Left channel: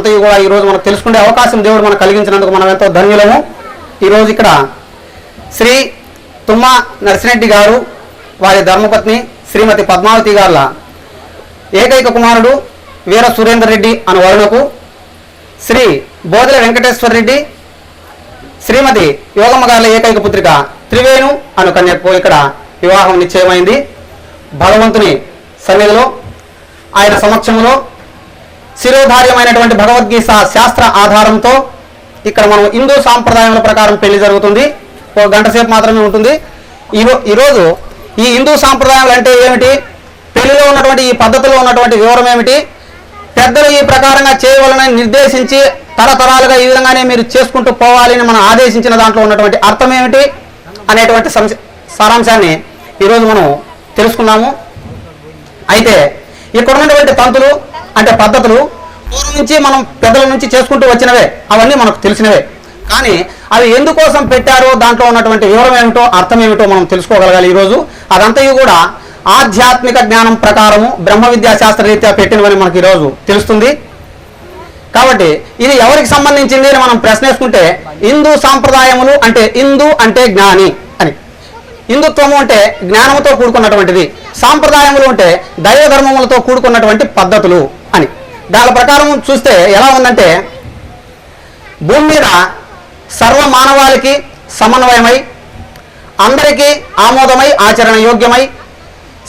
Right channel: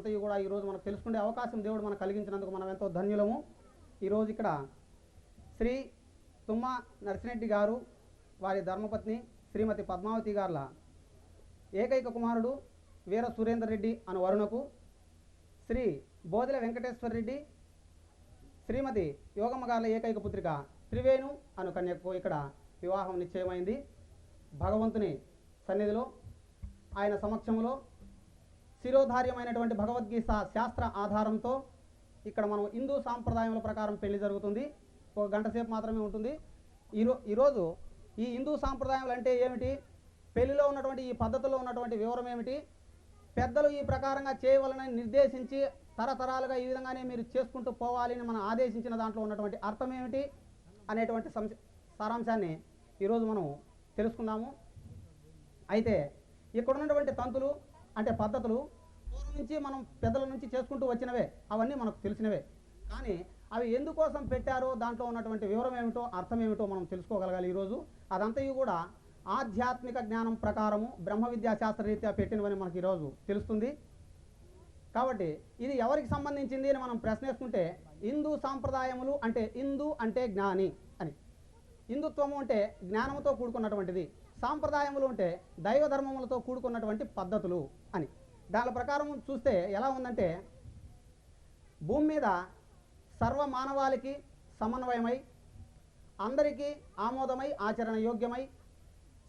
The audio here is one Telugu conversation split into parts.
అదంతా కూడా ఈరోజు మనకు తెలుసుకునే అవకాశం దేవుడు మనకు కలిగించినందుకు మనం ఎంతో ధన్యులము. ఈరోజు ఇక్కడ శ్రీ తుమ్మ నర్సిరెడ్డి గారు వారి ధర్మపత్ని శ్రీమతి పద్మావతి గారుల ఏకైక కుమారుడు వీర సురేందర్ రెడ్డి అను వరుణకు శ్రీ బోదెల వెంకటేశ్వర రెడ్డి శ్రీమతి యోగమ్మ గారుల ఏకైక పుత్రిక త్రివేణు అను కన్యకు ఇక్కడ వివాహం నిశ్చయమైంది. భగవంతుని సన్నిధిలో ఆయన సమక్షంలో శిరోధార్యమైనటువంటి భగవద్గీత శాస్త్ర ఆధారంతో ఇక్కడ మనం హిందూ సాంప్రదాయాల ప్రకారం పెళ్లి జరుగుతుంది. ఒక గంట సేపు మాత్రమే ఉంటుంది. ఈరోజు ఈ హిందూ సాంప్రదాయాలు అంటే ఏమిటి, పెళ్లిలో ఉన్నటువంటి ఈ పద్ధతిలో ఉన్నటువంటి వివరం ఏమిటి, పెద్దలు ఈ ప్రకారంగా చేయవాలని నిర్దేశించి తరతరాలుగా ఈ విధంగానే మీరు చేసుకుంటూ పోవాలని మనం ఆదేశించిన దాంట్లో ఉన్నటువంటి అర్థం ఏమిటి అనేటువంటి సారాంశాన్ని ఈరోజు మనం తెలుసుకున్నాము. అయితే ఇక్కడ ఉన్నటువంటి తంతులు అంటే పద్ధతులు పూర్వం నుంచి మనం పెద్దల నుంచి చేసుకుంటూ వచ్చినవే, అవన్నీ మనకు తెలిసినవే. కానీ అవి ఎందుకోసం పెట్టారో దాంట్లో ఉన్నటువంటి వివరం ఏమిటో అర్థం ఏమిటో మనం తెలుసుకోగలగాలి. ఈరోజు అదంతయు కూడా ఆధ్యాత్మిక జ్ఞానం ప్రకారము బ్రహ్మ విద్యా శాస్త్ర రీత్యా పెట్టినవని మనకి ఈరోజు తెలుస్తుంది. కాబట్టి ఇది ఎవరికి సంబంధించింది అని మనం ప్రశ్నేసుకుంటే హిందూ సాంప్రదాయములు అంటే హిందూ అంటే జ్ఞాని అని, హిందుత్వము అంటే జ్ఞానముతో కూడుకున్నటువంటిది, సాంప్రదాయములు అంటే దైవ ధర్మములతో కూడుకున్నటువంటి పద్ధతులు అని. దాని ప్రకారం చూస్తే ఎలా ఉందంటే భూమి మీద సర్వ మానవాళికి సమన్వయమై అందరికీ ఆమోదమై ఆచరణ యోగ్యమై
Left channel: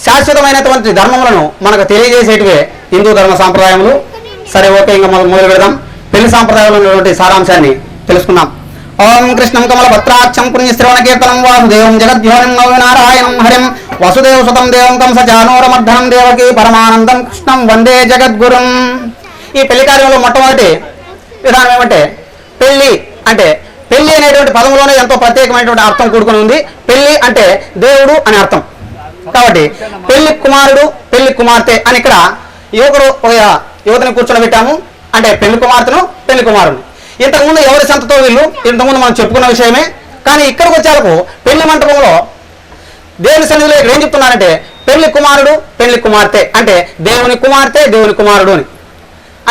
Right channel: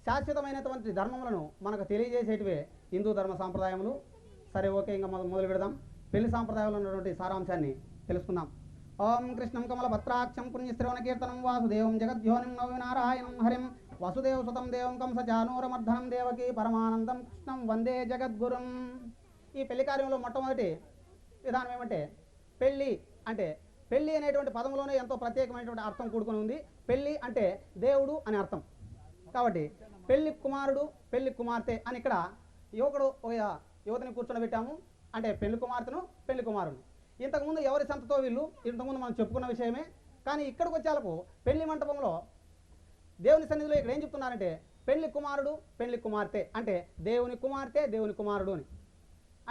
శాశ్వతమైనటువంటి ధర్మములను మనకు తెలియజేసేటివే హిందూ ధర్మ సాంప్రదాయములు. సరే, ఓకే, ఇంకా మొదలు పెడదాం. పెళ్లి సాంప్రదాయంలో ఉన్నటువంటి సారాంశాన్ని తెలుసుకుందాం. ఓం కృష్ణం కమల భద్రాక్షం పుణ్యశ్రవణ కీర్తనం వాసుదేవం జగద్యోనం నవనారాయణం హరిం వసుదేవ సుతం దేవం కంసచానూరమర్ధనం దేవకి పరమానందం కృష్ణం వందే జగద్గురుం. ఈ పెళ్లి కార్యంలో మొట్టమొదటి విధానం ఏమంటే పెళ్లి అంటే పెళ్లి అనేటువంటి పదంలోనే ఎంతో ప్రత్యేకమైనటువంటి అర్థం కూడుకుని ఉంది. పెళ్లి అంటే దేవుడు అని అర్థం. కాబట్టి పెళ్లి కుమారుడు పెళ్లి కుమార్తె అని ఇక్కడ యువతని కూర్చొని అంటే పెళ్లి కుమార్తెను పెళ్లి కుమారుడు. ఇంతకుముందు ఎవరి సంతతో వీళ్ళు ఇంతకుముందు మనం చెప్పుకున్న విషయమే. కానీ ఇక్కడికి వచ్చేలకు పెళ్లి మంటపంలో దేవుని సన్నిధిలో ఏం చెప్తున్నారంటే పెళ్లి కుమారుడు పెళ్లి కుమార్తె అంటే దేవుని కుమార్తె దేవుని కుమారుడు అని.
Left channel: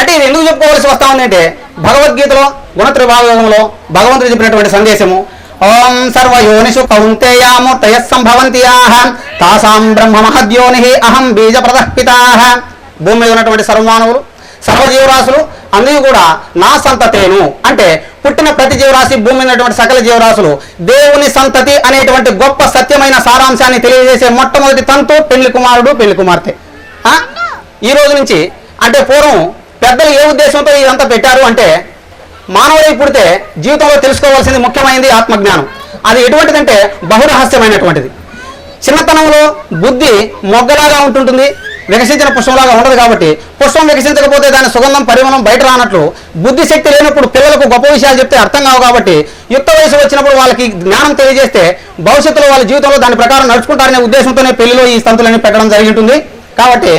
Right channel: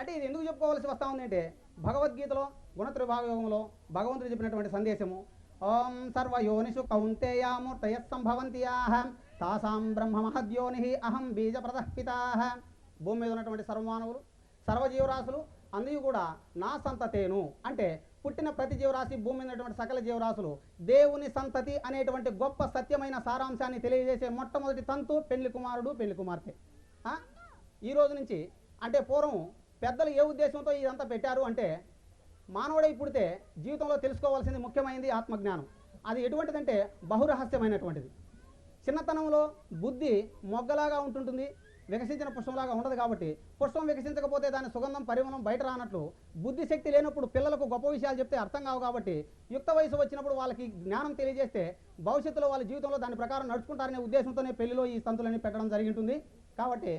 అంటే ఇది ఎందుకు చెప్పుకోవాల్సి వస్తా ఉంది అంటే భగవద్గీతలో గుణత్రిభాగంలో భగవంతుడు చెప్పినటువంటి సందేశము ఓం సర్వయోనిషు కౌంతేయామూర్తయ సంభవంతి తాసాం బ్రహ్మ మహద్యోని అహం బీజ ప్రదఃపితాః. భూమి మీద ఉన్నటువంటి సర్వమానవులు సర్వజీవరాశులు అందరూ కూడా నా సంతతేను అంటే పుట్టిన ప్రతి జీవరాశి భూమి మీద ఉన్నటువంటి సకల జీవరాశులు దేవుని సంతతి అనేటువంటి గొప్ప సత్యమైన సారాంశాన్ని తెలియజేసే మొట్టమొదటి తంతు పెళ్లి కుమారుడు పెళ్లి కుమార్తె. ఈ రోజు నుంచి అంటే పూర్వం పెద్దలు ఏ ఉద్దేశంతో ఇదంతా పెట్టారు అంటే మానవుడై పుడితే జీవితంలో తెలుసుకోవాల్సింది ముఖ్యమైనది ఆత్మజ్ఞానం. అది ఎటువంటిదంటే బహురహస్యమైనటువంటిది. చిన్నతనంలో బుద్ధి మొగ్గలాగా ఉంటుంటుంది, వికసించిన పుష్పంలాగా ఉండదు. కాబట్టి పుష్పం వికసించకపోతే దాని సుగంధం పరిమళం బయట రానట్లు బుద్ధి శక్తి లేనప్పుడు పిల్లలకు గొప్ప విషయాలు చెప్తే అర్థం కావు. కాబట్టి యుక్త వయసు వచ్చినప్పుడు వాళ్ళకి జ్ఞానం తెలియజేస్తే భవిష్యత్తులో వాళ్ళ జీవితంలో దాని ప్రకారం నడుచుకుంటారనే ఉద్దేశంతోనే పెళ్లిలో ఈ తంతులన్నీ పెట్టడం జరిగి ఉంటుంది. కాబట్టి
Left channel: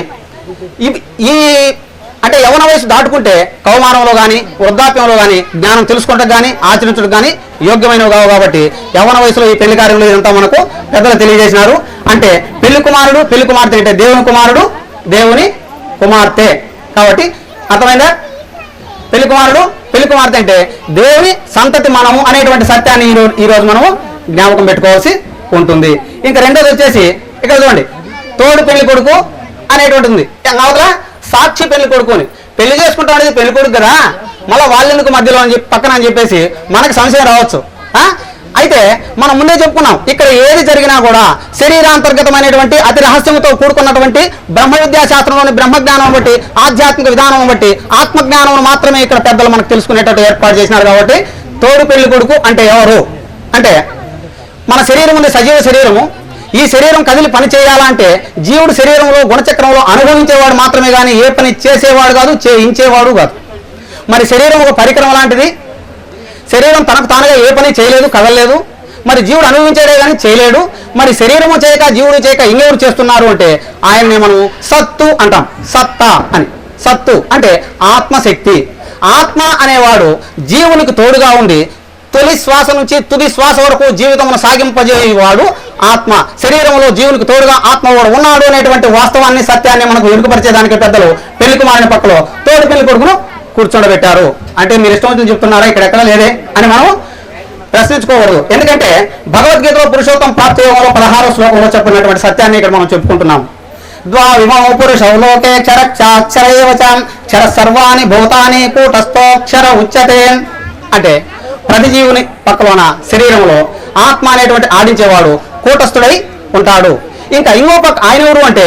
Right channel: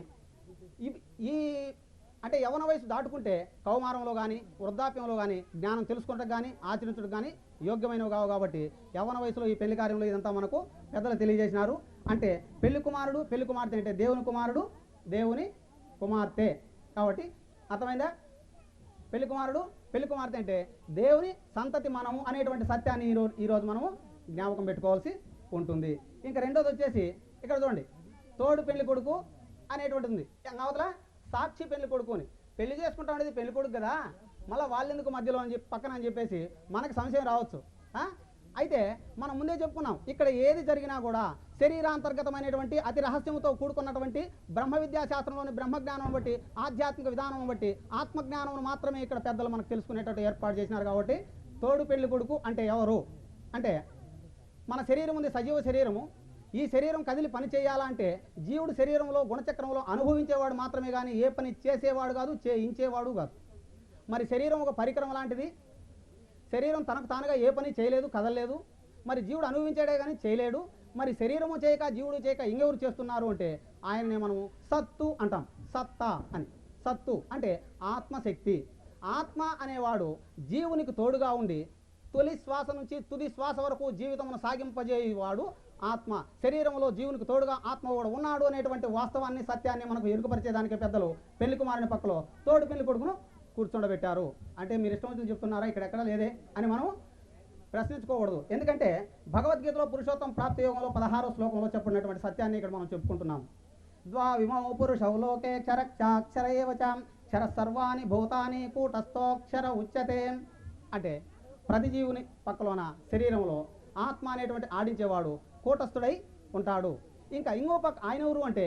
ఈ అంటే యవన వయసు దాటుకుంటే కౌమానంలో కానీ వృద్ధాప్యంలో కానీ జ్ఞానం తెలుసుకుంటే కానీ ఆచరించడం కానీ యోగ్యమైనవి కావు. కాబట్టి యవన వయసులో ఈ పెళ్లి కార్యంలో ఇదంతా మనకు పెద్దలు తెలియజేసినారు. అంటే పెళ్లి కుమారుడు పెళ్లి కుమార్తె అంటే దేవుని కుమారుడు దేవుని కుమార్తె. కాబట్టి అర్థమైందా? పెళ్లి కుమారుడు పెళ్లి కుమార్తె అంటే దేవుని సంతతి మనము అనేటువంటి సత్యాన్ని ఈరోజు మనము జ్ఞాపకం పెట్టుకోవాల్సి ఉంటుంది. ఇంకా రెండోది వచ్చేసి ఇక్కడ చూడండి, తోడు పెళ్లి కొడుకు అనేటువంటి ఉంది. అవతల సాక్షి పెళ్లి కొడుకుని పెళ్లి చేసుకుంటాం అనేది పెళ్లి కొడుకు కదా, మళ్ళీ వాళ్ళెందుకు మధ్యలో అని చెప్పి పక్కన అని చెప్పేసి మనకు సంశయం రావచ్చు. అయితే మనం ముందే చెప్పుకున్నాం, ఇక్కడ ఏది జరిగినా కూడా శరీరాంతర్గతమైనటువంటి అతి రహస్యంతో కూడుకున్నటువంటి బ్రహ్మ విద్యా శాస్త్రంలోని బ్రహ్మజ్ఞానం బట్టి ఆధ్యాత్మిక విధానం బట్టి ఆత్మజ్ఞానం మాత్రమే ఇక్కడ పెద్దలు మనకు తెలుసుకునేటట్టు ఏర్పాటు చేసినారు. కాబట్టి తోడు పెళ్లి కొడుకు అంటే ఎవరు అంటే మన శరీరం ఉంది, సజీవ శరీరము. ఈ శరీరం కదిలి పని చేయాలంటే జీవుడు శరీరంలో గుణచక్రంలో అనుభవించేవాడు మాత్రమే కానీ ఏ పని చేసేవాడు కాదు, చేయించేవాడు కాదు. మరి శరీరం ఒక పరికరం లాంటిది. శరీరం తనకు తానుగా ఏ పని చేయలేదు, కదలలేదు. మరి జీవుడు అనుభవించేదే కానీ చేయలేడు. మరి శరీరము చేయక జీవుడు చేయక ఇంకెవరు చేస్తున్నారు అంటే ఆయన్ని మనం సత్తు అంటాం. సత్తా అని. సత్తు అంటే ఆత్మశక్తి. ఆత్మ అనేవాడు జీవునికి తోడుగా ఉండి తొలి శ్వాస నుంచి తుది శ్వాస వరకు జీవితమును సాగింపజేయవాడు ఆత్మ. శరీరంలో జీవునికి తోడుగా ఆత్మవాడు ఉన్నాడు అనేటువంటి వాస్తవాన్ని సత్యాన్ని మనకు వెనుకపరిచేదానికి పెద్దలు పెళ్లి కుమారుని పక్కలో తోడు పెళ్లి కొడుకును కూర్చోబెట్టారు అంటే మీరు ఇష్టం వచ్చింది చెప్తున్నారా, ఇక్కడ ఎక్కడ లేదే అని మనం ప్రశ్నించుకోకూడదు. ఎందుకంటే భగవద్గీతలో పురుషోత్తం ప్రాప్తి యోగంలో 16వ శ్లోకంలో చెప్పినటువంటి సత్యాన్ని ఇక్కడ మనం చెప్పుకుంటున్నాం. ద్వావిమో పురుషౌ లోకే క్షరక్షరేవచం క్షర సర్వాణి భూతాని కూటస్థోక్షర ఉచ్యతే అంటే ప్రతి జీవుని పక్కలోన శరీరంలో ఆత్మ అనేటువంటి ఆడించేవాడు కూటస్థుడై ఉంటాడు. ఇంకా ఇంకో పక్క ఆయన ఎవరు అంటే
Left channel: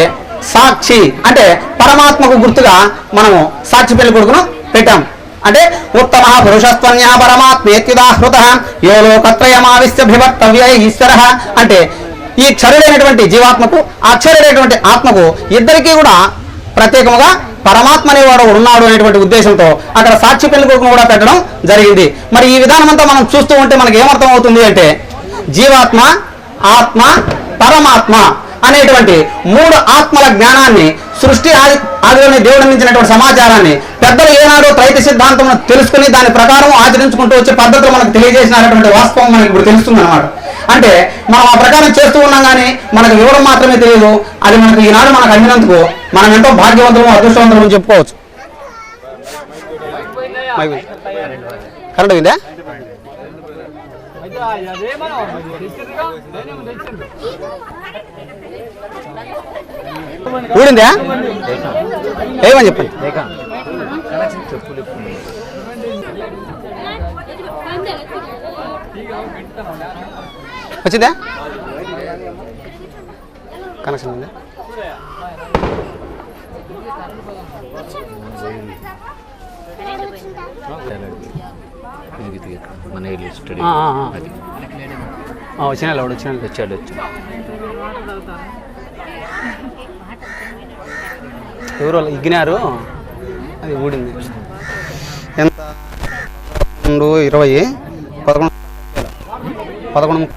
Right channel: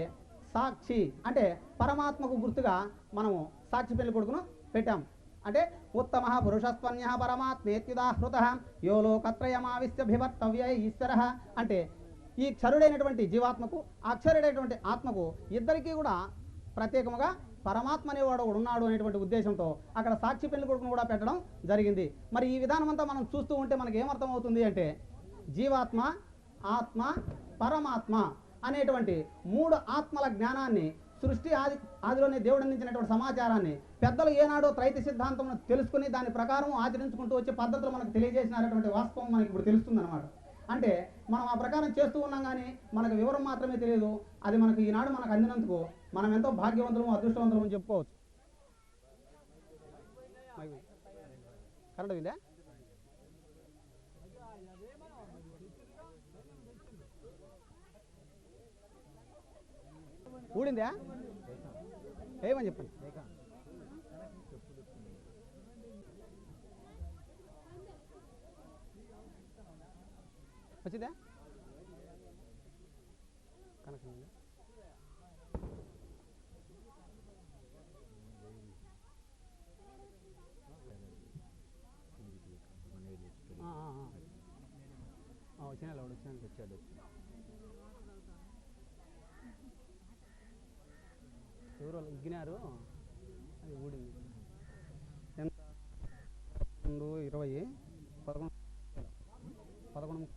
సాక్షి అంటే పరమాత్మకు గుర్తుగా మనము సాక్షి పెళ్లి కొడుకును పెట్టాం. అంటే ఉత్తమ పురుషస్త్వన్యా పరమాత్మేత్యుదాహృత యో లోకత్రయమావిశ్య విభక్తవ్య ఈశ్వర అంటే ఈ క్షరుడైనటువంటి జీవాత్మకు అక్షరుడైనటువంటి ఆత్మకు ఇద్దరికీ కూడా ప్రత్యేకముగా పరమాత్మ అనేవాడు ఉన్నాడు అనేటువంటి ఉద్దేశంతో అక్కడ సాక్షి పెళ్లి కొడుకును కూడా పెట్టడం జరిగింది. మరి ఈ విధానం అంతా మనం చూస్తూ ఉంటే మనకి ఏమర్థం అవుతుంది అంటే జీవాత్మ, ఆత్మ, పరమాత్మ అనేటువంటి 3 ఆత్మల జ్ఞానాన్ని సృష్టి ఆదిలోని దేవుడు అందించినటువంటి సమాచారాన్ని పెద్దలు ఏనాడో త్రైత సిద్ధాంతం తెలుసుకుని దాని ప్రకారం ఆచరించుకుంటూ వచ్చే పద్ధతులు మనకు తెలియజేసినటువంటి వాస్తవం మనకి ఇప్పుడు తెలుస్తుంది అన్నమాట. అంటే మనం ఆ ప్రకారం చేస్తూ ఉన్నాం కానీ మనకు వివరం మాత్రమే తెలియదు. అది మనకు ఈనాడు మనకు అందినందుకు మనం ఎంతో భాగ్యవంతులు అదృష్టవంతులు చెప్పుకోవచ్చు. కరెంట్ ఉందా? ఊడిందా? ఏమని చెప్పండి. వచ్చిందా కనెక్షన్ ఉందా? వచ్చాడు. ఎవరో ఇగ్గినారు, అది ఊడింది. ఎంత 20 11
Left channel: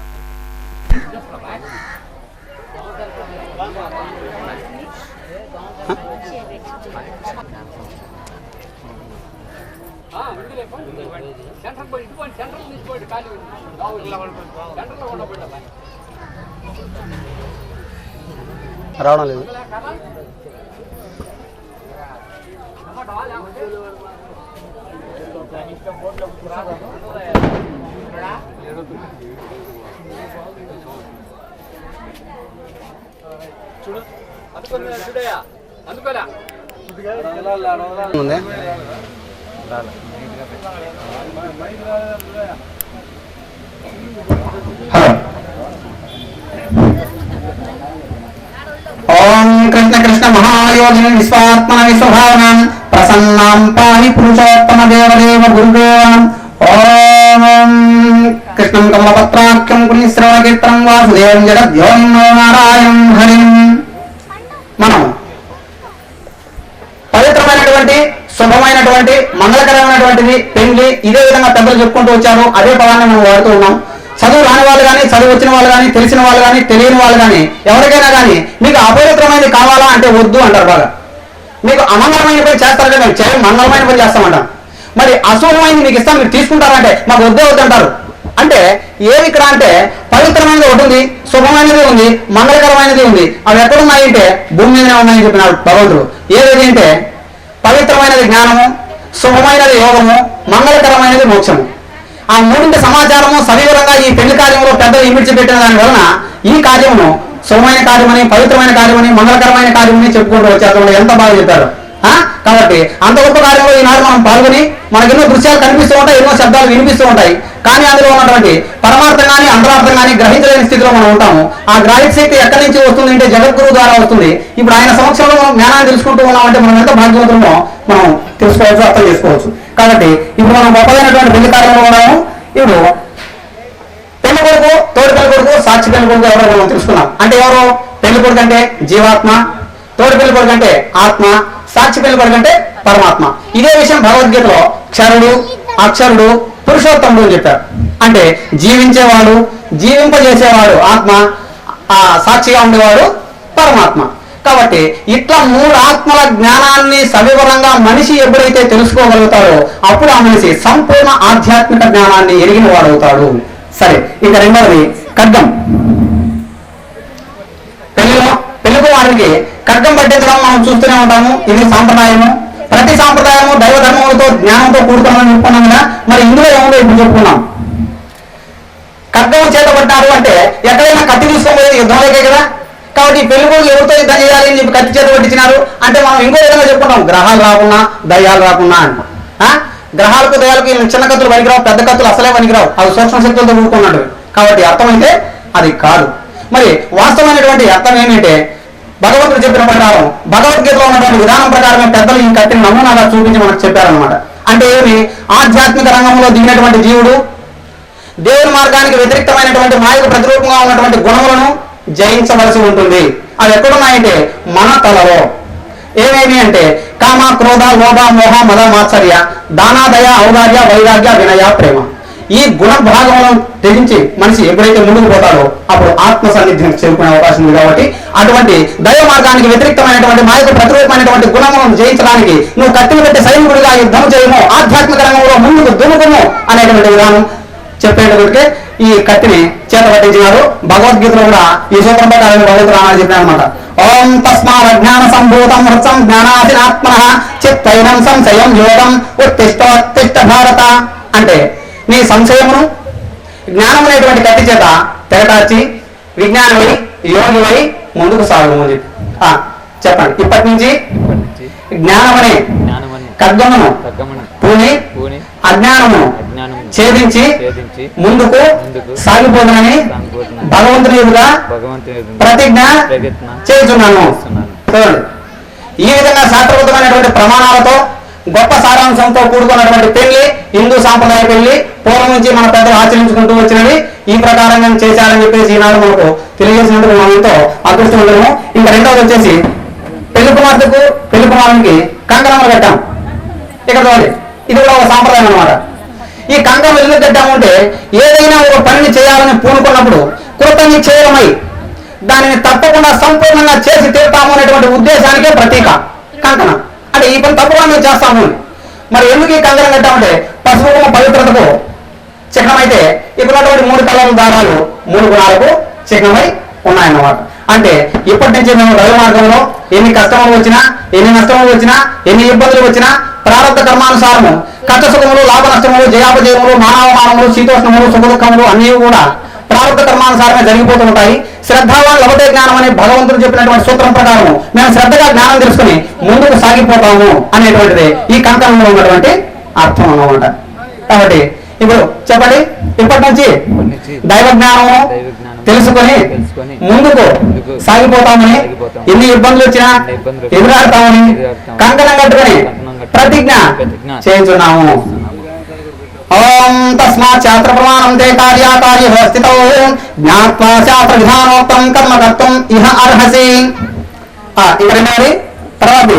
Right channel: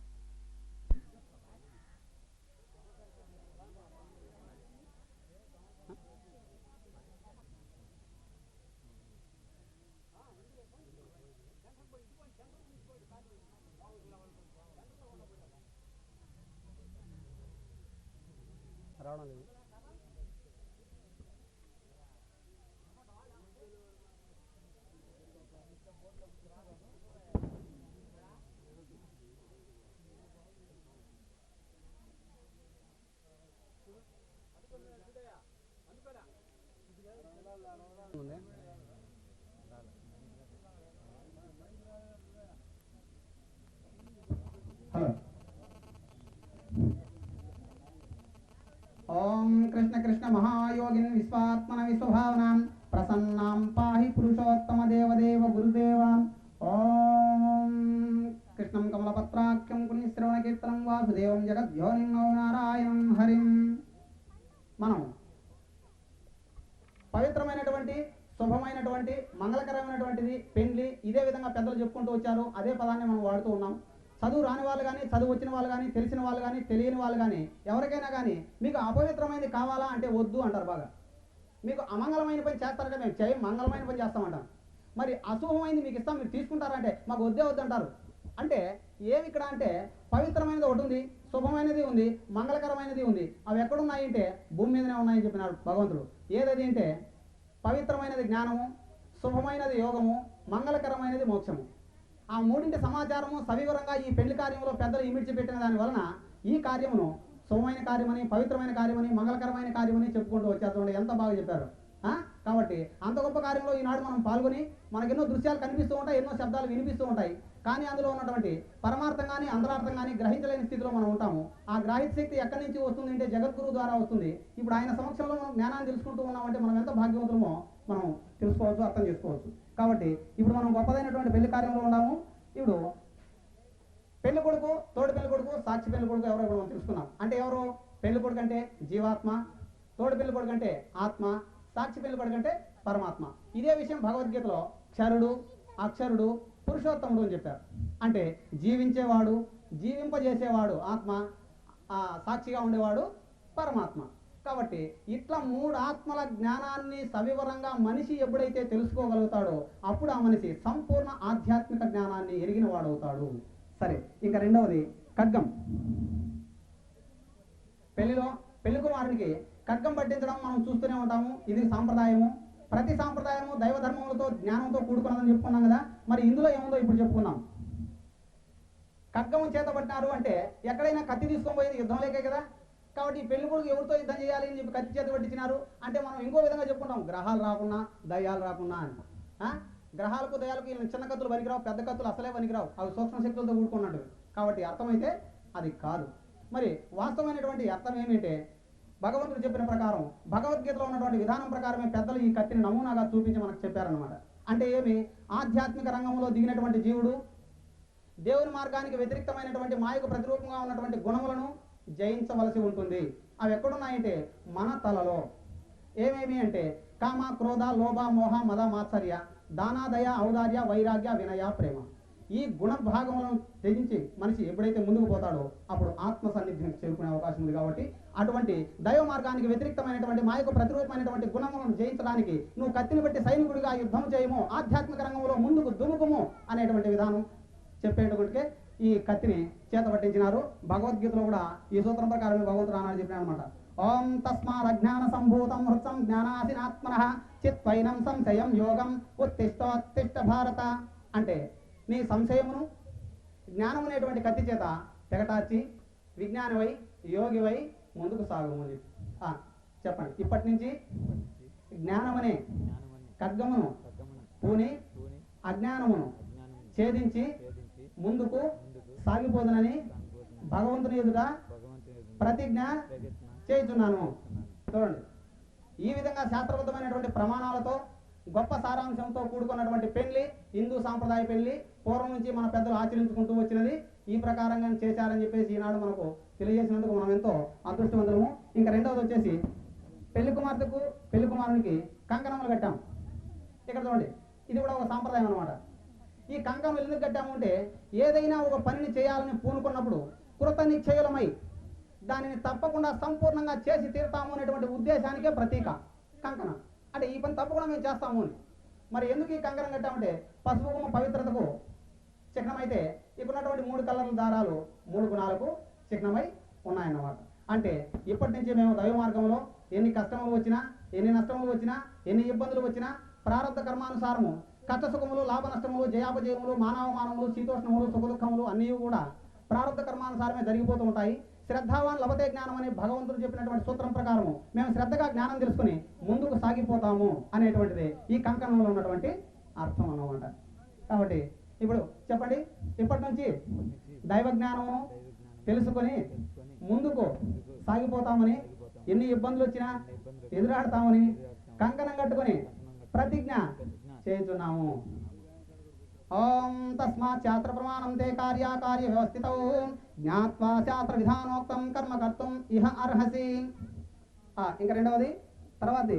రావడం లేదు. ఓం కృష్ణ కృష్ణ మహాయోగిని విశ్వాత్మన విశ్వభావనం ప్రసన్నాం పాహి పురుషోత్తమ దేవదేవ గురుదేవం. ఓం కృష్ణం కమలపత్రాఖ్యం పుణ్యశ్రవణ కీర్తనం వాసుదేవం జగద్యోం నారాయణం హరిం. మనం పవిత్రమైనటువంటి శుభమైనటువంటి మంగళకరమైనటువంటిది పెళ్లి ఇదే విధంగా పెద్దలు చెప్పుకుంటూ వచ్చారు. అదే పదాన్ని మనం వాడుతూ ఉన్నాం. చదువు రాని వాళ్ళు కానీ, చదువు వచ్చిన వాళ్ళు కానీ, తెలిసిన వాళ్ళు కానీ, తెలియని వాళ్ళు కానీ, ఎవరికైనా కానీ మీకు అపవిత్రమైనది కావాలా అంటే వద్దు అంటారు. బాగా మీకు అమంగళమైన పని చేస్తారు కదా, మేము మంగళమైన పని చేస్తామంటాం. మరి అశుభమైనది మీకు ఇస్తాం, మీరు తీసుకుంటారంటే మాకు వద్దే వద్దంటారు. అంటే ఏమి ఇక్కడ అంటే పవిత్రమైనది ఒకటి ఉంది, శుభమైనది ఉంది, మంగళకరమైనది ఉంది. అవి ఎక్కడున్నాయి అంటే భూమి మీదనే ఉన్నాయని చెప్పినాడు భగవంతుడు. ఏది అంటే పవిత్రమైనది జ్ఞానము, శుభమైనది యోగము, మంగళకరమైనది మోక్షము. ఆ మూడింటి సమాచారము సవివరంగా ఈ పెళ్లి కార్యంలో పెద్దలు ఇమిడ్చిపెట్టిన దాని వలన ఈ కార్యమును శుభమైన కార్యమని, పవిత్రమైన కార్యమని, మంగళకరమైన కార్యమని చెప్పుకుంటూ వచ్చారు. ఎంత బాగా చెప్పారు. కాబట్టి అంత గొప్ప కార్యంలో ఈనాడు మనం పాల్గొని మనకు ఎన్నో దృశ్యాలు కనిపిస్తూ ఉంటాయి, ఎన్నో శబ్దాలు వినిపిస్తూ ఉంటాయి. కానీ అందులో ఉన్నటువంటి పరమార్థం కానీ అంతరార్థం కానీ గ్రహించలేని స్థితిలో మనం ఉంటాము. ఆ గ్రహిత శక్తి ఎక్కడి నుంచి వస్తుంది అంటే జగద్గురువు ద్వారా వస్తుంది. ఇప్పుడు ఆయన సమక్షంలో మనం జ్ఞానాన్ని తెలుసుకుంటూ ఉన్నామంటే మనం ఎంత భాగ్యవంతులమో మనం తెలుసుకోవచ్చు, అర్థం చేసుకోవచ్చు. కాబట్టి ఇప్పుడు మనం గొప్పదైనటువంటి పెళ్లి కార్యంలో ఉన్నాము. ఇప్పుడు పెళ్లి కొడుకు, తోడి పెళ్లి కొడుకు, సాక్షి పెళ్లి కొడుకు ఎవరో మనం తెలుసుకున్నాం. అంటే ఎవరు? పెళ్లి కొడుకు అంటే జీవాత్మ, తోడి పెళ్లి కొడుకు అంటే ఆత్మ, సాక్షి పెళ్లి కొడుకు అంటే పరమాత్మ. ఇదే విషయం భగవద్గీతలో క్షరుడు, అక్షరుడు, పురుషోత్తముడు అని చెప్పారు. అంటే జీవించేవాడు, జీవింపజేసేవాడు ఆత్మ, ఆ సాక్షిగా ఉండేవాడు పరమాత్మ. కాబట్టి ఇట్లా 3 ఆత్మల జ్ఞానాన్ని సవివరంగా మనిషి ఎప్పుడైతే తెలుసుకోగలుగుతాడో అప్పుడు ఆ మనిషి సంపూర్ణ ఆధ్యాత్మిక జ్ఞానాన్ని ఎరిగిన వాడు అవుతాడు. సరే, ఇక రెండవది ఖడ్గం. పెళ్లికు వారికి ఖడ్గం పట్టించడం మనం చూస్తూనే ఉంటాము. ఇది సాంప్రదాయము. ప్రతి సాంప్రదాయము దైవ ధర్మములతో జ్ఞానంతో కూడుకున్నామని చెప్పుకున్నాం కదా. మరి ఇందులో ఏముందో ఇప్పుడు చెప్పుకున్నాం. ఖడ్గం చేతపడ్డారు అంటే ఎక్కడైనా కత్తి తీసుకోబోయేది యుద్ధంలోకే కదా. కాబట్టి పెళ్లి కొడుకు ఎవరితో యుద్ధం చేయాలి అని చెప్పి కత్తి చేత పట్టించినారు అంటే మనం ఇంకో విధంగా చెప్పుకుంటాం, గ్రహాలు రాకున్నా దయ్యాలు రాకున్నా అని. గ్రహాలకు దయాలకు చిన్న కత్తులు పనికిరావు, పెద్ద కత్తులు అసలే పనికిరావు, అవి సూక్ష్మ శక్తులతో కూడుకున్నాడు. కాబట్టి అర్థమైతే అది కాదు. మరి వాస్తవమైనటువంటి అర్థం ఏమిటంటే భగవంతుడు చెప్పిన ప్రకారం భగవద్గీతలో ఉన్నటువంటి విధానం ప్రకారమే పెద్దలు ఈ కత్తిని నమూనాగా చూపించి మనకు చెప్పారనమాట. అంటే ఏమి, ఆధ్యాత్మిక రంగంలో దిగినటువంటి జీవుడు దేవుని మార్గానికి వ్యతిరేక్తమైనటువంటి మాయకు ప్రతిరూపంగా ఉన్నటువంటి గుణములను జయించవలసి ఉంటుంది. అవి ఎక్కడున్నాయంటే మన తలలో. ఏమేమి అంటే కామ, క్రోధ, లోభ, మోహ, మద, మాత్సర్య, దాన, దయ, ఔదార్య, వైరాగ్య, వినయ, ప్రేమ. ఈ గుణ భాగంలో తెగించి మనిషి ఎప్పుడైతే ముందుకు పోతాడో అప్పుడు ఆత్మ సన్నిధిని చేరుకునే అవకాశం ఉంది. కాబట్టి అటువంటి దైవ మార్గానికి వ్యతిరేక్తమైనటువంటి మాయకు ప్రతిరూపమైనటువంటి గుణములను జయించడానికి నువ్వు కత్తిని పెట్టి సైనికుడిగా యుద్ధం చేయము, ఆధ్యాత్మిక రంగంలో ముందుకు దుముకుము అనేటువంటి విధానం చెప్పేటప్పటికే ఈ కత్తిని చేత పట్టించినారు. భగవద్గీతలో కూడా ఈ సూత్రం ప్రకారం భగవద్గీత రామాయణ చెప్పిన అనమాట. ఓం తస్మాత్ అజ్ఞాన సంభూతం హృత్సం జ్ఞానాసినాత్మనః చిత్తైనం సంశయం యోగం ఉత్తిష్ఠోత్తిష్ఠ భారత. అంటే నీ సంశయమును జ్ఞానం అనేటువంటి కత్తి చేత తెగటార్చి విజ్ఞానమై యోగివై ముందుకు సాగు అని చెప్పి చెప్పండి. ఇప్పటి నుంచి జ్ఞానమనే ఖడ్గమును పూని అజ్ఞానమును ఛేదించి ముందుకు సాగిపోదని భగవంతుని ఎదుగా ప్రతిజ్ఞ చేస్తున్నాను. చూడండి, ఈ విధంగా శాస్త్రబద్ధమైనటువంటి ప్రమాణాలతో గొప్ప సారాంశంతో కూడుకున్నటువంటి పెళ్లి హిందూ సాంప్రదాయ పెళ్లి పూర్వం నుంచి మన పెద్దలు ఆచరించుకుంటూ వచ్చినవి ఈ ప్రకారంగా చేశారని చెప్పేసి ఈనాడు మనకు తెలియజేసినందుకు మనం ఎంతో అదృష్టం ఉండము. ఇంకా రెండవది వచ్చేసి పెళ్లి కుమార్తెకు పెళ్లి కుమారునికి కంకణములు కట్టాం. ఇక్కడ చూడండి, ఇది కూడా ఒక సాంప్రదాయం అనమాట. ఈ కంకణం ఎందుకు కట్టాము అంటే ఏదైనా ఒక పనిని చేయాలని పూనుకున్నప్పుడు కృతనిశ్చయమై దానిని తప్పకుండా సంపూర్ణంగా చేసి తీరుతాము అనేటువంటి ఉద్దేశానికే ప్రతీక కంకణం. అంటే ఈ పని తప్పకుండా మేము చేస్తాము. మరి ఎందుకు ఈ కంకణం కట్టామంటే పసుపు పవిత్రతకు చిహ్నమైతే ఇప్పుడున్నటువంటి 3 కలర్ల దారాలు 3 గుణాలకు చిహ్నమై ఉన్నాయన్నమాట. అంటే ఇప్పటి నుంచి మేము రైలు మార్గంలో ఎన్ని కష్టములు వచ్చినా, ఎన్ని నష్టములు వచ్చినా, ఎన్ని ఇబ్బందులు వచ్చినా ప్రారంభ కర్మానుసారము కష్ట సుఖములు, లాభ నష్టములు, జయాపజయములు, మానవమానములు, శీతోష్ణములు, సుఖ దుఃఖములు అన్నీ కూడా ప్రారంభ కర్మానుసారమే జరిగిపోతూ ఉంటాయి. శ్రద్ధావాన్ లభతే జ్ఞానం అనే భగవంతుడు చెప్పినటువంటి సూత్రం ప్రకారం మేము శ్రద్ధగా జ్ఞానం తెలుసుకుని ముందుకు సాగిపోతాము అనేటువంటిది ఈ కంకణంలో ఉన్నటువంటి అర్థం అన్నమాట. కాబట్టి ఇప్పుడు చెప్పండి, ఇప్పటి నుంచి దైవ జ్ఞానము తెలుసుకొని ముందుకు సాగిపోతామని, ఎన్ని ఇబ్బందులు వచ్చినా ఎదురాడతామని కంకణం కట్టుకొని ప్రతిజ్ఞ చేయించున్నాము. ఓం తస్మాత్ శాస్త్ర ప్రమాణం తే కార్యాకార్య స్థితౌ జ్ఞాత్వా శాస్త్ర విధానోక్తం కర్మ కర్తుం ఇహ అర్హసి. ఇక్కడ తర్వాత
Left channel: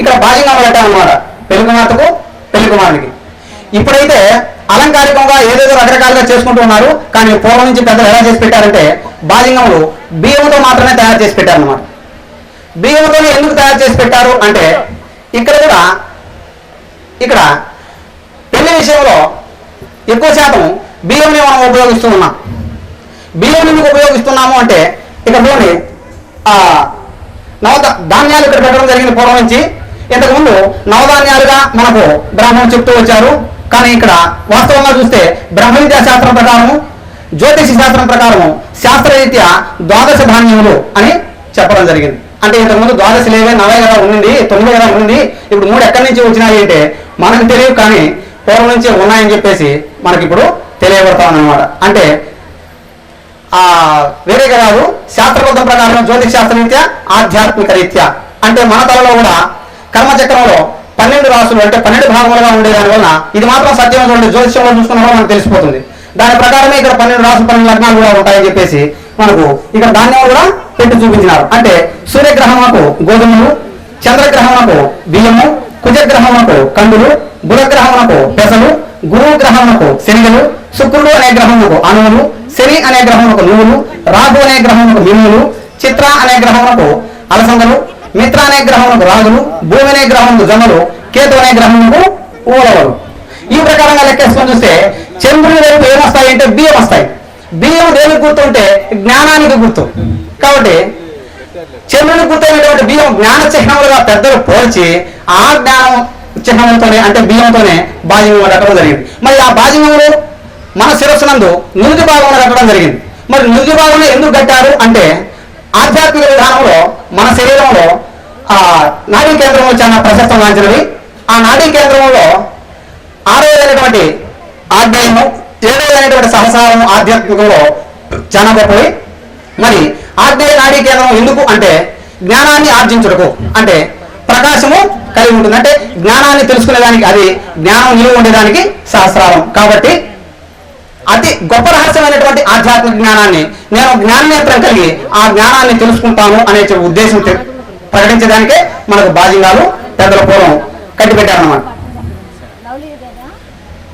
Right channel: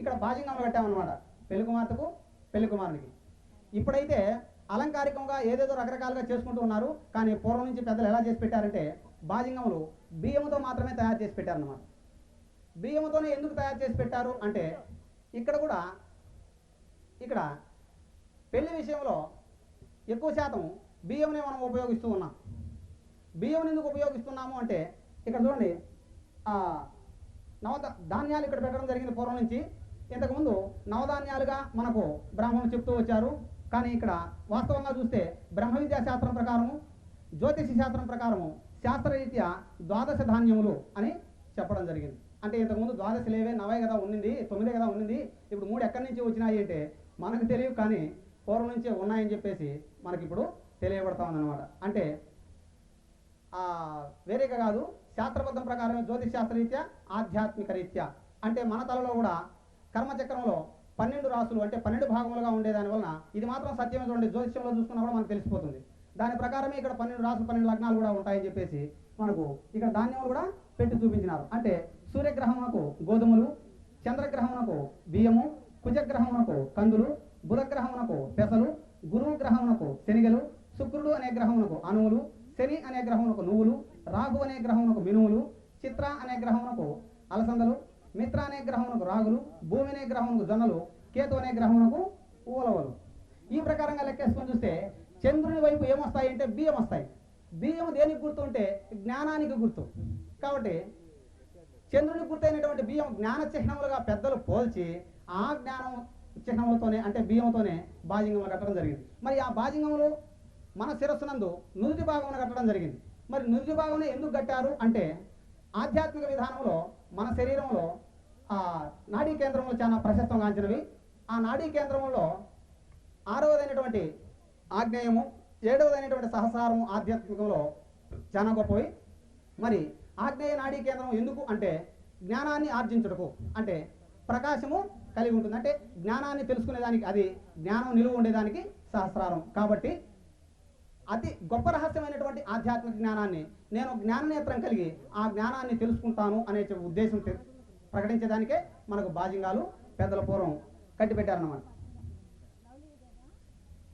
ఇక్కడ బాధ్యంగా పెట్టామన్నమాట పెళ్లి కుమార్తెకు పెళ్లి కుమారునికి. ఇప్పుడైతే అలంకారికంగా ఏదేదో రకరకాలుగా చేసుకుంటూ ఉన్నారు. కానీ పూర్వం నుంచి పెద్దలు ఎలా చేసి పెట్టారంటే బాధ్యంగములు బియ్యంతో మాత్రమే తయారు చేసి పెట్టారన్నమాట. బియ్యంతోనే ఎందుకు తయారు చేసి పెట్టారు అంటే ఇక్కడ పెళ్లి విషయంలో ఎక్కువ శాతం బియ్యంని మనం ఉపయోగిస్తూ ఉన్నాం. బియ్యం ఎందుకు ఉపయోగిస్తున్నాము అంటే ఇక్కడ చూడండి, ధాన్యాలు ఇక్కడ పెట్టడం జరిగింది పూర్వం నుంచి. ఇంతకుముందు నవధాన్యాలుగా మనకు బ్రాహ్మణులు చెప్తూ వచ్చారు. కానీ ఇక్కడ వాస్తవంగా చూస్తే బ్రహ్మ విద్యా శాస్త్రం ప్రకారము, జ్యోతిష శాస్త్రం ప్రకారము శాస్త్రరీత్యా ద్వాదశ ధాన్యములు అని చెప్పడం జరిగింది. అంటే ఇంతకుముందు ద్వాదశ లేవే 4 కదా ఉండింది, 9 కదా ఉండింది, ఇప్పుడు 3 ఎక్కడి నుంచి వచ్చినాయి అంటే మనకు తెలియదు. కానీ పూర్వం నుంచి ఉన్నాయని చెప్పేసి మనకి ఇప్పుడు తెలియబడతామన్నమాట. అంటే వేరేగా కాదు, శాస్త్రబద్ధం ప్రకారం జ్యోతిష్ శాస్త్రరీత్యా ఆధ్యాత్మిక రీత్యా అంటే మన తలలో కూడా కర్మచక్రంలో 12 రాసులు అంటే 12 భాగములుగా ఉండేదాని వలన ఇది మాత్రం సత్యం చూడండి, జ్యోతిష్యంలో చూసుకున్న కూడా మనకు తెలిసిపోతుంది. దాని ప్రకారమే ఇక్కడ 12 రాసులు 12 లగ్నాలు కూడా ఉంటాయని చెప్పేసి మనకు ఇక్కడ ధాన్యాలు కూడా పెట్టి చూపించినారు. అంటే సూర్యగ్రహమునకు గోధుమలు, చంద్రగ్రహమునకు బియ్యము, కుజగ్రహమునకు కందులు, బుధగ్రహమునకు పెసలు, గురువు గ్రహమునకు శనిగలు, శుక్రుడు అనే గ్రహమునకు అణువులు, శని అనే గ్రహమునకు నువ్వులు, రాహు అనే గ్రహమునకు మినుములు, చిత్ర అనే గ్రహమునకు అలసందలు, మిత్ర అనే గ్రహమునకు రాగులు, భూమి అనే గ్రహమునకు జమలు, కేతు అనే గ్రహమునకు ఊలవలు. ఈ ప్రకారంగా లెక్కేసుకొని చూస్తే చంద్రుని వైపు ఏమొస్తాయి అంటే బియ్యం వస్తాయి. బియ్యం దేనికి గుర్తు అంటే జ్ఞానానికి గుర్తు. కాబట్టి చంద్రుని గుర్తైనటువంటి బియ్యం జ్ఞాన చిహ్నములుగా పెద్దలు పోల్చి ఆ జ్ఞానం చిహ్నములతోనే అంటే బియ్యంతోనే బాజ్యము కట్టడం జరిగింది. మరి ఆ బాజ్యములు మన శిరస్సునందు నుదుటి భాగంలో కట్టడం జరిగింది. మరి నుదుటి భాగంలో ఎందుకు కట్టారు అంటే ఆధ్యాత్మిక విధానంలో మన శరీరంలో నాడీ కేంద్రంలో చాలా ప్రశస్తం వాంచినవి. ఆ నాడీ కేంద్రంలో 6వదైనటువంటి ఆజ్ఞాయము, 7వదైనటువంటి సహసారము ఆధ్యాత్మికంలో చాలా గొప్పవి. మరి ఆగ్నేయ నాడీ కేంద్రం ఎందుకు అంటే జ్ఞానాన్ని ఆర్జించుటకు, అంటే ప్రకాశము కలిగి ఉంటుంది, అంటే జ్ఞానాన్ని తెలుసుకునేదానికి, అది జ్ఞానం నిలువ ఉండేదానికి సహస్రారం. కాబట్టి అతి గొప్ప రహస్యమైనటువంటి ఆధ్యాత్మిక జ్ఞానాన్ని నేను జ్ఞాననేత్రం కలిగి ఆ జ్ఞానాన్ని తెలుసుకుంటాను అనే ఉద్దేశం ప్రకటించడానికే మనకు బాజింగాలు పెద్దల పూర్వం కట్టిపెట్టారన్నమాట.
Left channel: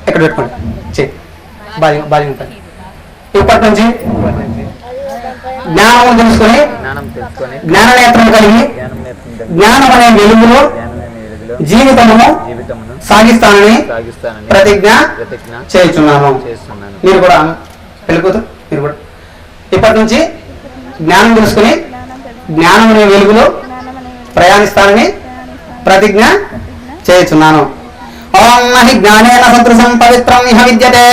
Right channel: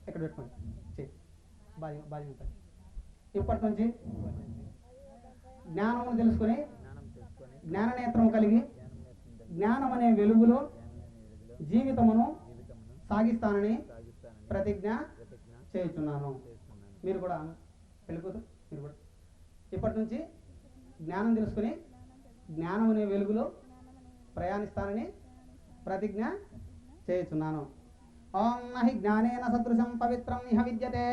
ఎక్కడ పెట్టుకోండి బాజింగ్ ఉంటాయి. ఇప్పటి నుంచి జ్ఞానం తెలుసుకొని జ్ఞాననేత్రం కలిగి జ్ఞానం అనే వెలుగులో జీవితమును సాగిస్తానని ప్రతిజ్ఞ చేయుచున్నాను. మీరు కూడా పెళ్ళికూతురు మీరు కూడా ఇప్పటి నుంచి జ్ఞానం తెలుసుకుని జ్ఞానం అనే వెలుగులో ప్రయాణిస్తానని ప్రతిజ్ఞ చేయుచున్నాను. ఓం నహి జ్ఞానేన సదృశం పవిత్రం ఇహ విద్యతే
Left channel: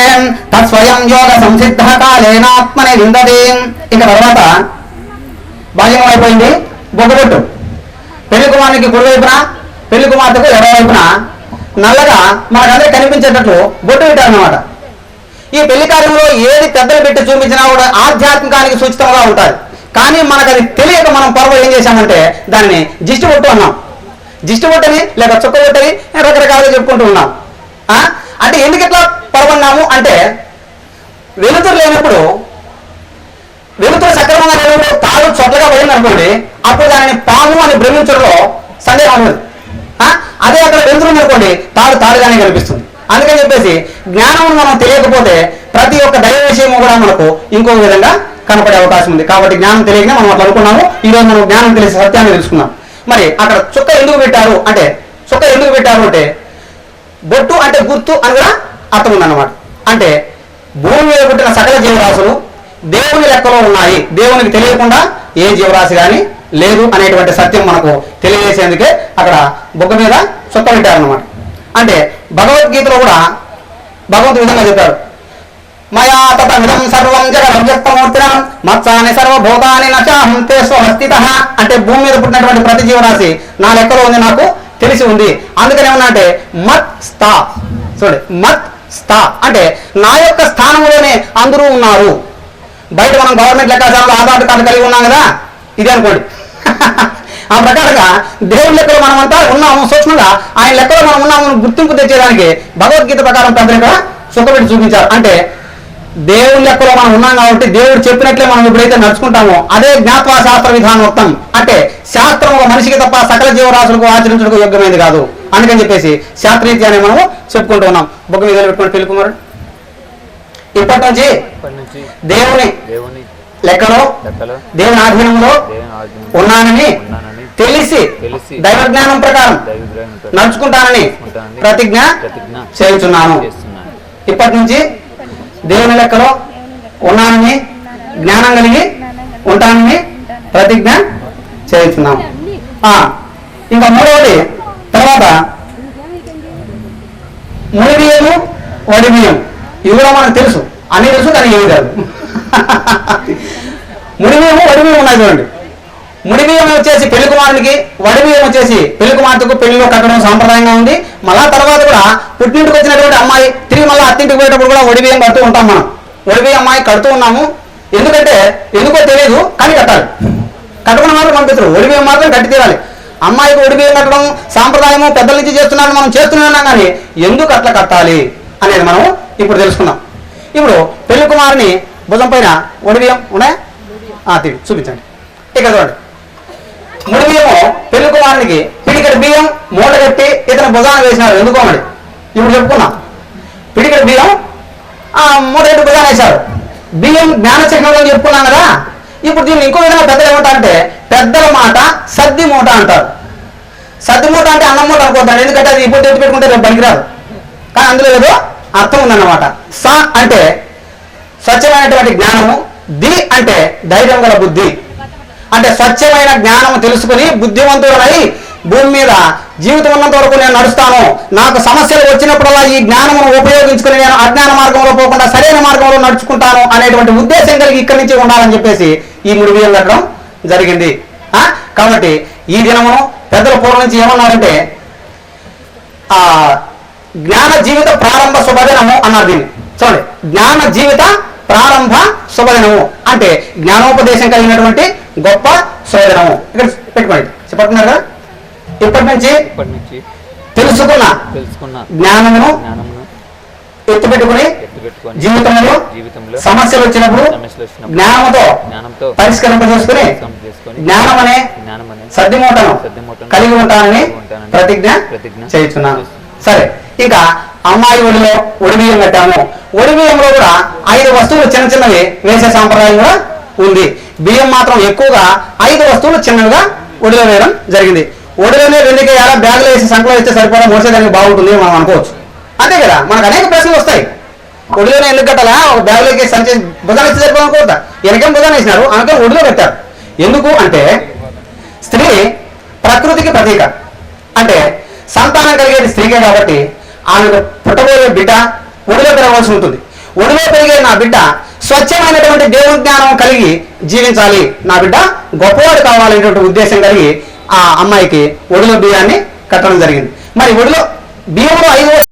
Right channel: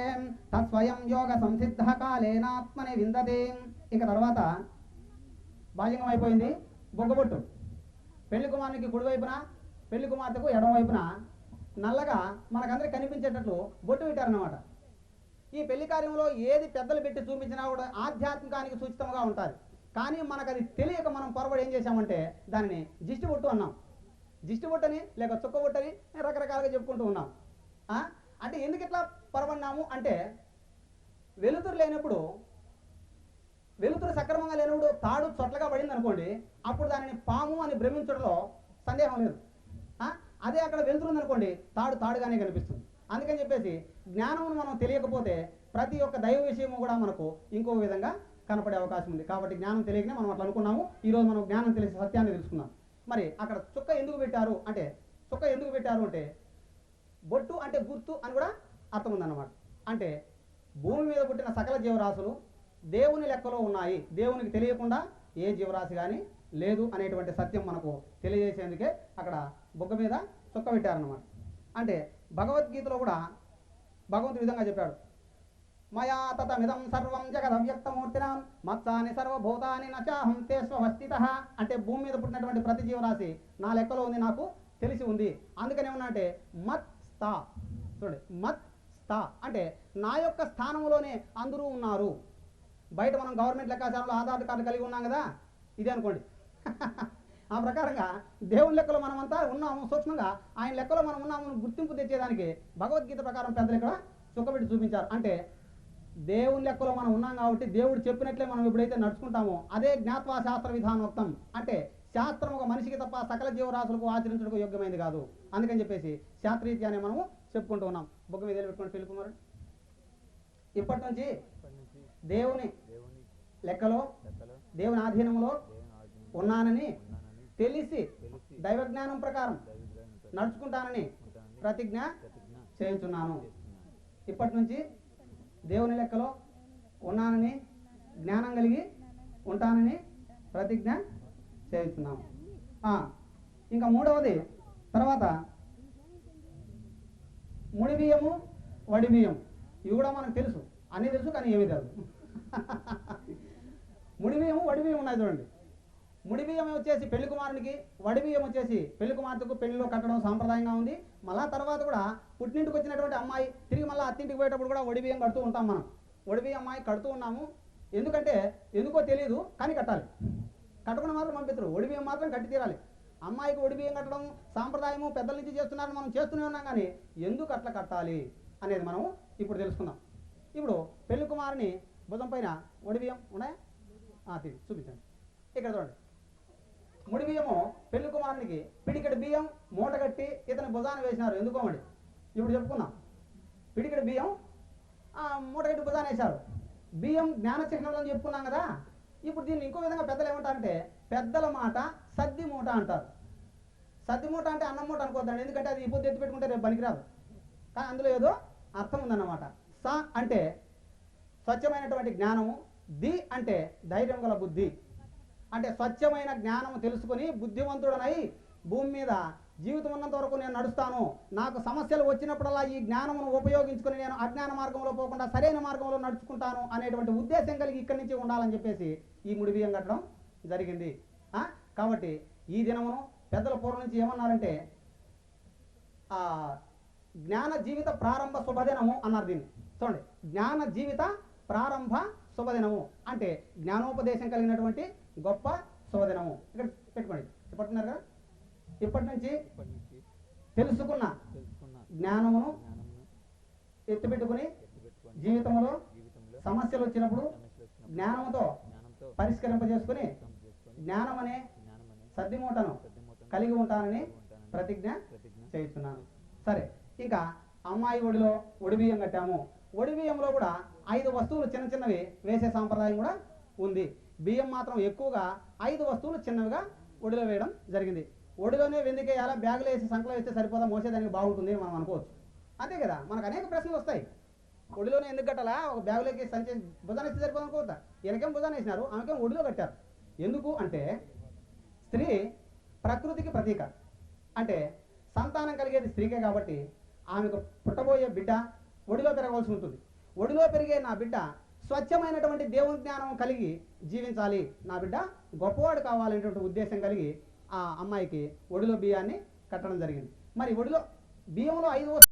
తత్స్వయం యోగ సంసిద్ధ కాలేనాత్మనే విందతే. ఇక తర్వాత బాల్యం అయిపోయింది. బొగ్గబొట్టు పెళ్లి కుమారునికి కుడివైపున, పెళ్లి కుమార్తెకు ఎడవైపున నల్లగా మనకందరికి కనిపించేటట్లు బొట్టు పెట్టారన్నమాట. ఈ పెళ్లి కార్యంలో ఏది పెద్దలు పెట్టి చూపించినా కూడా ఆధ్యాత్మికానికి సూచితంగా ఉంటుంది. కానీ మనకు అది తెలియక మనం పొరవ ఏం చేశామంటే దాన్ని జిష్టి బొట్టు అన్నాం. జిష్టి బొట్టని లేక చుక్క బొట్టని రకరకాలుగా చెప్పుకుంటూ ఉన్నాం. అంటే ఎందుకు ఇట్లా పొరవన్నాము అంటే వెలుతురు లేనప్పుడు, వెలుతురు సక్రమంగా లేనప్పుడు తాడు చొట్లగా పోయింది అనుకోండి, అప్పుడు దానిని పాము అని భ్రమించడంలో సందేహం ఉండదు. అదే అక్కడ వెలుతురు అనుకోండి తాడు తాడుగానే కనిపిస్తుంది. అందుకని చెప్పేసి జ్ఞానం మనం తెలియకపోతే ప్రతి ఒక్క దైవ విషయము కూడా మనకు ఇంకొక విధంగా కనపడే అవకాశం ఉంది. కాబట్టి జ్ఞానం తెలియకనే మనం అట్లా అనుకున్నాము. ఈరోజు మనం జ్ఞానం తెలిసే సత్యాన్ని తెలుసుకున్నాం. మరి అక్కడ చుక్క ఎందుకు పెట్టారు అంటే, చుక్క ఎందుకు పెట్టారు అంటే బొట్టు అంటే గుర్తు అని కూడా అర్థం ఉందన్నమాట. అంటే భూమి మీద పుట్టిన సకల జీవరాశులు దేవుని లెక్కలో ఉన్నాయి, దేవునికి తెలియకుండా ఏ జీవరాశి కానీ లేదు అనేటువంటి సత్యం మనకు తెలియజేసేందుకే అక్కడ బొగ్గ మీద చుక్క పెట్టారన్నమాట. అంటే భగవద్గీతలో కూడా భగవంతుడు విధంగా చెప్పాడు, మయా తతమిదం సర్వం జగద్వ్యక్తమూర్తినం మత్సాని సర్వభూతాని నచాహం తే స్వహస్థితః. అంటే భూమి మీద పుట్టినటువంటి ప్రతి జీవరాశి నా లెక్కలో ఉంది, నాకు తెలిసి ఉంది. అందుకని ఏమన్నా అంటే మత్ స్థా, చూడండి మత్ స్థా అంటే నా యొక్క స్థానంలోనే అందరూ ఉన్నారు. బయట మనం గవర్నమెంట్ లెక్కాచారంలో ఆధార్ కార్డు కలిగి ఉన్నాం కదా, ఇది అనుకోండి. ఆ ప్రకారంగా దేవుని లెక్కలో మనమంతా ఉన్నాము, సూక్ష్మంగా ఆయన లెక్కలో మనం ఉన్నాము గుర్తింపు తెచ్చేదానికి భగవద్గీత ప్రకారం పెద్దలు ఇక్కడ సుఖపెట్టి చూపించారు. అంటే దేవుని లెక్కలో మనం ఉన్నాం కాబట్టి దేవుడు చెప్పినట్లే మనం ఎప్పుడైతే నడుచుకుంటామో అదే జ్ఞాత్వా శాస్త్ర విధానోక్తం. అంటే శాస్త్రం ఒక మనిషికి తప్ప సకల జీవరాశులకు ఆచరించడానికి యోగ్యమైనది కాదు. అందుకని చెప్పేసి శాస్త్రీత్యాన్ని మనము చెప్పుకుంటూ ఉన్నాం. బొగ్గ మీద పెట్టుకుని పెళ్లి కుమారుడు ఇప్పటి నుంచి దేవుని లెక్కలో దేవుని ఆధీనంలో ఉన్నానని తెలిసి దైవ జ్ఞానం ప్రకారం నడుచుకుంటానని ప్రతిజ్ఞ చేయుచున్నాను. ఇప్పటి నుంచి దేవుని లెక్కలో ఉన్నానని జ్ఞానం కలిగి ఉంటానని ప్రతిజ్ఞ చేయుచున్నాం. ఇంకా మూడవది తర్వాత ముడి బియ్యము వడి బియ్యం, ఇవి కూడా మనకు తెలుసు, అన్ని తెలుసు కానీ ఏమి కాదు. ముడి బియ్యము వడి బియ్యం ఉన్నాయి చూడండి. ముడి బియ్యం వచ్చేసి పెళ్లి కుమారునికి, వడి బియ్యం వచ్చేసి పెళ్లి కుమార్తెకు పెళ్లిలో కట్టడం సాంప్రదాయంగా ఉంది. మళ్ళా తర్వాత కూడా పుట్టింటికి వచ్చినటువంటి అమ్మాయి తిరిగి మళ్ళీ అత్తింటికి పోయేటప్పుడు కూడా వడి బియ్యం కడుతూ ఉంటాం. మనం వడి బియ్యం అమ్మాయి కడుతూ ఉన్నాము. ఎందుకంటే ఎందుకో తెలియదు కానీ కట్టాలి. కట్టడం మాత్రం పంపిస్తారు, వడి బియ్యం మాత్రం కట్టి తీరాలి. అమ్మాయికి వడి బియ్యం కట్టడం సాంప్రదాయము పెద్దల నుంచి చేస్తున్నారని మనం చేస్తూనే ఉన్నాం. కానీ ఎందుకు అట్లా కట్టాలి అనేది మనం ఇప్పుడు తెలుసుకుందాం. ఇప్పుడు పెళ్లి కుమారుని భుజం పైన వడి బియ్యం ఉన్నాయా చూపించండి. ఇక్కడ చూడండి, ముడి బియ్యము పెళ్లి కుమారునికి పిడికెడు బియ్యం మూట కట్టి ఇతను భుజాన వేసినారు. ఎందుకోమడి ఇప్పుడు చెప్పుకున్నాం. పిడికెడు బియ్యం మూట కట్టి భుజాన వేశారు. బియ్యం జ్ఞాన చిహ్నంలో చెప్పుకున్నాం కదా. ఇప్పుడు దీన్ని ఇంకో విధంగా పెద్దలు ఏమంటారంటే పెద్దల మాట సద్ది మూట అంటారు. సద్ది మూట అంటే అన్నం మూట అనుకోద్దాం, ఎందుకంటే అది ఇప్పుడు ఎత్తి పెట్టుకుంటే రేపు పనికిరాదు. కానీ అందులో ఏదో అర్థం ఉందన్నమాట. స అంటే స్వచ్ఛమైనటువంటి జ్ఞానము, ది అంటే ధైర్యం గల బుద్ధి. అంటే స్వచ్ఛమైన జ్ఞానం తెలుసుకుని బుద్ధివంతుడనై భూమి మీద జీవితం ఉన్నంత వరకు నేను నడుస్తాను, నాకు సమస్యలు వచ్చినప్పుడల్లా ఈ జ్ఞానమును ఉపయోగించుకుని నేను అజ్ఞాన మార్గంలో పోకుండా సరైన మార్గంలో నడుచుకుంటాను అనేటువంటి ఉద్దేశం కలిగి ఇక్కడి నుంచి ఉండాలని చెప్పేసి ఈ ముడి బియ్యం కట్టడం జరిగింది. కాబట్టి ఈ దినమును పెద్దల పూర్వం నుంచి ఏమన్నారంటే జ్ఞాన జీవిత ప్రారంభ శుభదినము అన్నారు. దీన్ని చూడండి, జ్ఞాన జీవిత ప్రారంభ శుభదినము అంటే జ్ఞానోపదేశం కలిగినటువంటి గొప్ప శుభదినము. ఇక్కడ పెట్టుకోండి, చెప్పట్టున్నారు కదా. ఇప్పటి నుంచి తెలుసుకున్న జ్ఞానమును ఎత్తుపెట్టుకుని జీవితంలో సమస్యలు వచ్చినప్పుడు జ్ఞానంతో పరిష్కరింపజేసుకుని జ్ఞానం అనే సద్దిమూటను కలిగి ఉంటానని ప్రతిజ్ఞ చేస్తున్నాను. సరే, ఇంకా అమ్మాయి ఒడిలో ఒడి బియ్యం కట్టాము. ఒడి బియ్యంలో కూడా 5 వస్తువులు చిన్న చిన్నవి వేసే సాంప్రదాయం కూడా ఉంది. బియ్యం మాత్రం ఎక్కువగా 5 వస్తువులు చిన్నవిగా ఒడిలో వేయడం జరిగింది. ఒడిలోనే 2 కేయాల బ్యాగులో వేసి సంకలో వేస్తే సరిపోవడం మోసేదానికి బాగుంటుంది మనం అనుకోవచ్చు. అంతే కదా, మనకు అనేక ప్రశ్నలు వస్తాయి. ఒడిలోనే ఎందుకు కట్టాలా, ఒక బ్యాగులోకి సంచి భుజాన్ని వేస్తే సరిపోవడం అనుకోవద్దా, వెనకేం భుజాన్ని వేసినారు అందుకని ఒడిలో పెట్టారు. ఎందుకు అంటే స్త్రీ ప్రకృతికి ప్రతీక, అంటే సంతానం కలిగేది స్త్రీకే కాబట్టి ఆమెకు పుట్టబోయే బిడ్డ ఒడిలో పెరగవలసి ఉంటుంది. ఒడిలో పెరిగే నా బిడ్డ స్వచ్ఛమైనటువంటి దేవుని జ్ఞానం కలిగి జీవించాలి, నా బిడ్డ గొప్పవాడు కావాలనేటువంటి ఉద్దేశం కలిగి ఆ అమ్మాయికి ఒడిలో బియ్యాన్ని కట్టడం జరిగింది. మరి ఒడిలో బియ్యంలో 5